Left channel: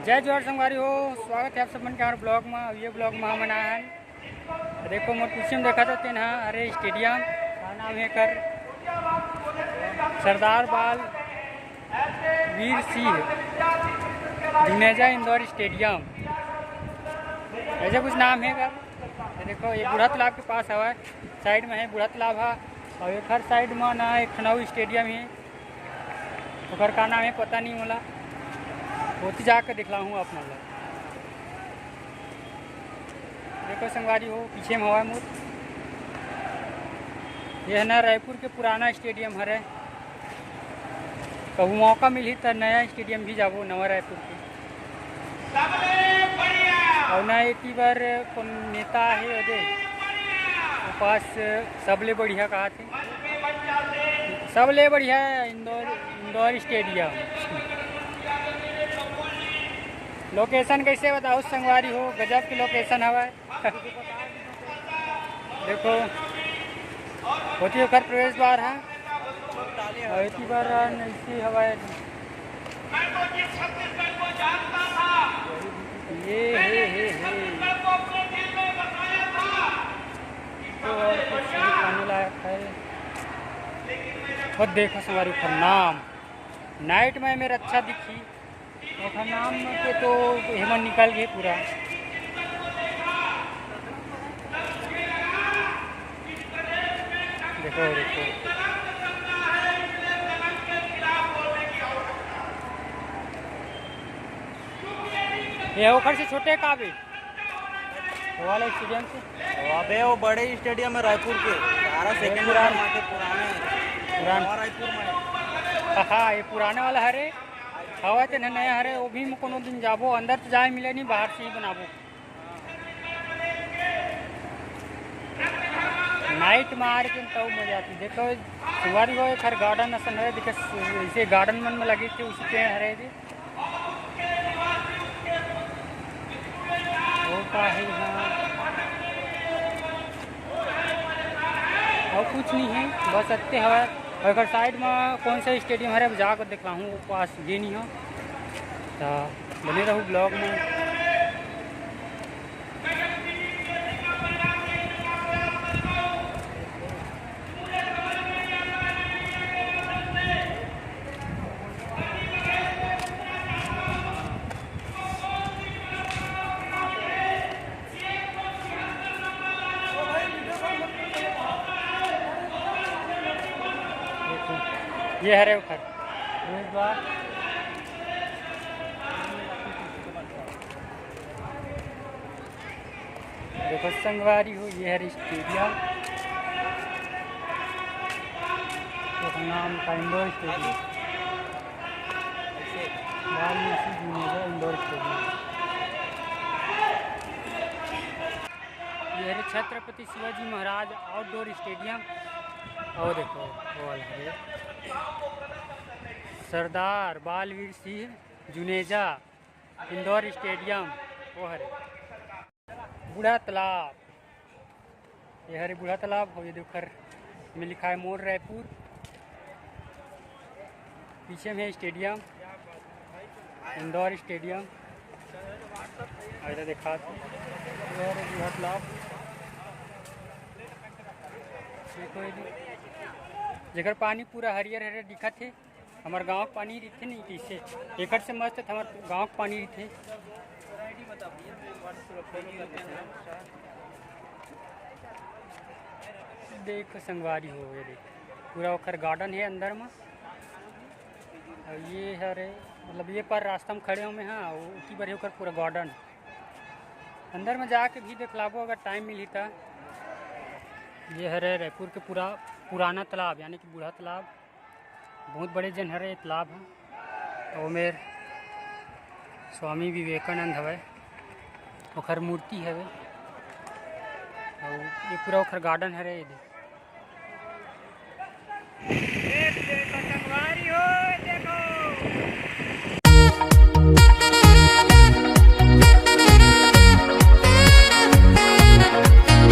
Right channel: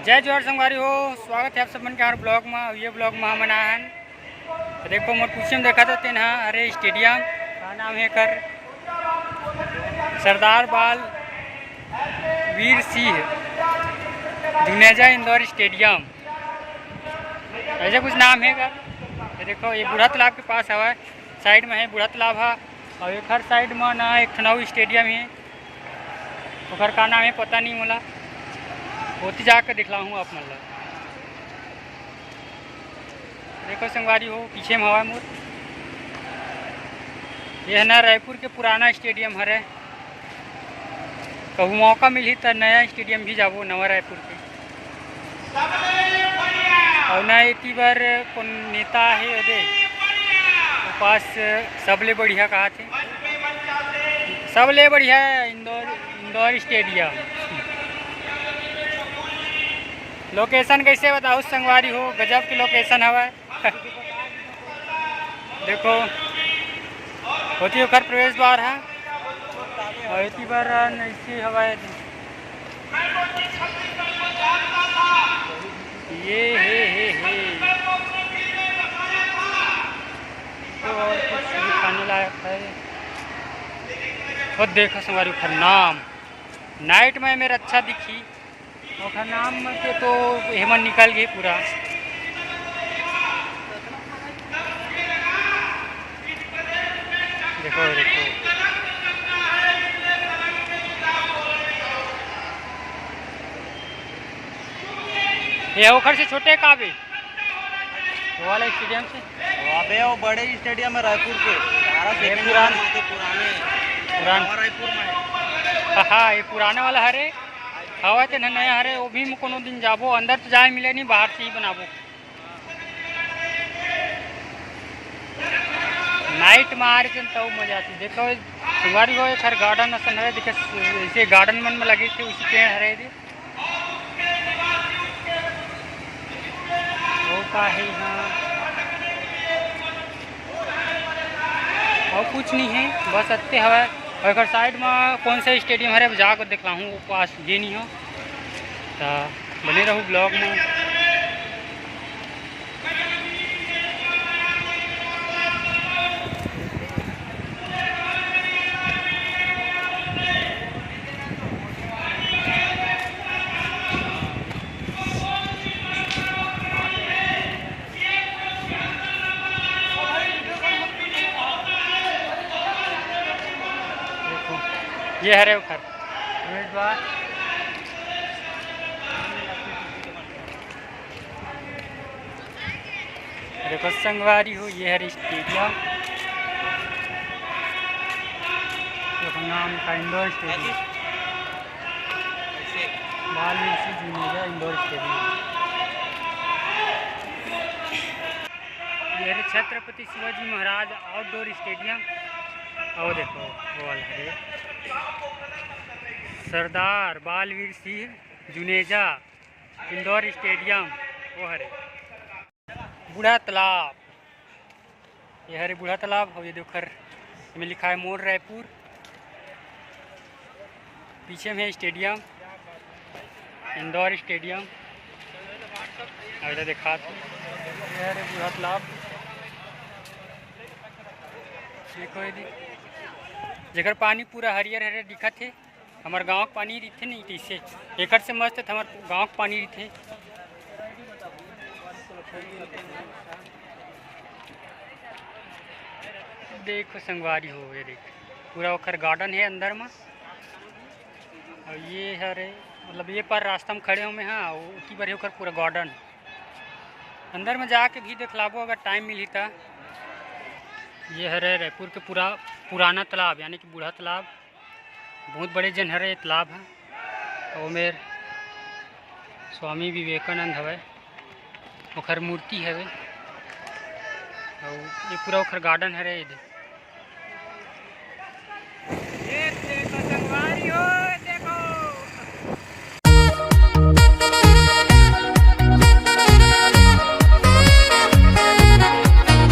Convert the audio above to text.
जय जोहार संगवारी हो। स्वागत है आप सब मन के हमारे ब्लॉग में। ये ब्लॉग में हम आन देखो मोर पीछे में देखा देते हैं अरे स्टेडियम का नाम है कर सरदार बाल वीर सिंह जुनेजा इंदौर स्टेडियम, ऐसा कुछ नाम है कर। देखो ये बूढ़ा तालाब के पास हवा, साइड में है बूढ़ा तालाब है और एक हर साइड में ना एक ठनऊ स्टेडियम है, ओकर का नाम है पता नहीं मोला, होती जाकर दिखला हूँ आप मतलब। देखो संगवारी हो पीछे में हवा मोर, ये है ना रायपुर के पुराना स्टेडियम हरे। कभी मौका मिली तो नया स्टेडियम भी जाबो नवा रायपुर के। और ना एक बार कौन नेता है अदे वो पास सबले बढ़िया कहा थे, सबले बढ़िया इंदौर स्टेडियम। लोकेशन कैसे बताओ संगवारी हो, गजब की लोकेशन हवा देखो होती घर प्रवेश द्वार है और इतनी बार ऐसी हवा ये हे तो और कुछ दिखाने लायक है। खुद देखो संगवारी उखर नाम नाइट में मेरा अच्छा दिखी और नाम के तो हेमन निकल गए पूरा। देखो देखो ये ओखर से छोटे काबे वो वाला स्टेडियम से अबे वो बड़े स्टेडियम है रायपुर के पुरान रायपुर में। हाँ ये पुराने वाला हरे हवा तो नया हरे, वो भी कोनो दिन जाबो, अंदर तो जाए मिले नहीं, बाहर से ही बनाबो। नाइट में आ रहे तो मजा आती। देखो संगवारी हो एक हर गार्डन असन हरे, देखे इसे गार्डन मन में लगे थे उसी पेड़ हरे थे वो का है यहाँ और कुछ नहीं है, बस अत्ते हवा। और अगर साइड में कौन सा स्टेडियम है जाकर देखला हूँ वो पास ये नहीं हो तो बने रहूँ ब्लॉग में। ये हरे उखर प्रवेश द्वार, देखो संगवारी हो ये हरे स्टेडियम, तो नाम का इंदौर स्टेडियम, बाल वीर सिंह जुनेजा इंदौर स्टेडियम। ये हरे छत्रपति शिवाजी महाराज आउटडोर स्टेडियम। और देखो वो वाला हरे सरदार बालवीर सिंह जुनेजा इंदौर स्टेडियम। वो हरे बूढ़ा तालाब, ये हरे बूढ़ा तालाब और ये देखो में लिखा है मोर रायपुर, पीछे में है स्टेडियम इंदौर स्टेडियम। ऐसा देखा तो ये हरे बूढ़ा तालाब, देखो ये जगह पानी पूरा हरियर हरियर दिखत है। हमारे गाँव का पानी रही नहीं तीसे एक से मस्त हमारे गाँव का पानी रही। देखो संगवारी हो ये देख पूरा ओखर गार्डन है अंदर में और ये हरे मतलब ये पर रास्ता में खड़े हो में। हाँ उसी पर होकर पूरा गार्डन अंदर में जाके भी देख लाबो अगर टाइम मिली था। ये हरे रायपुर के पुराना तालाब यानी कि बूढ़ा तालाब, बहुत बड़े जन हरे तालाब है और मेरे स्वामी विवेकानंद हवे ओखर मूर्ति हवे और ये पूरा ओखर गार्डन हरे।